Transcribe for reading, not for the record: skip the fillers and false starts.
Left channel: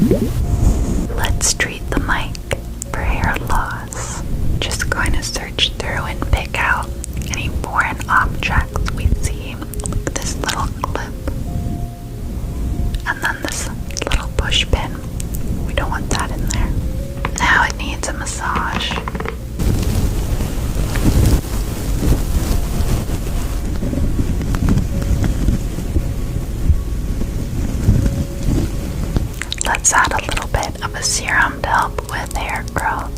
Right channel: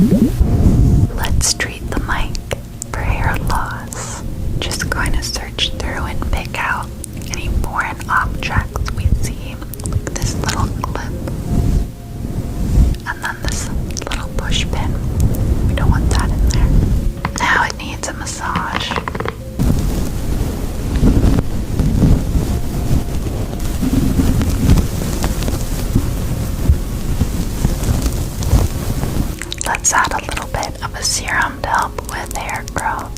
Let's treat the mic for hair loss. Just going to search through and pick out any foreign objects we see, like this little clip, and then this little push pin. We don't want that in there. Now it needs a massage. Let's add a little bit of a serum to help with hair growth.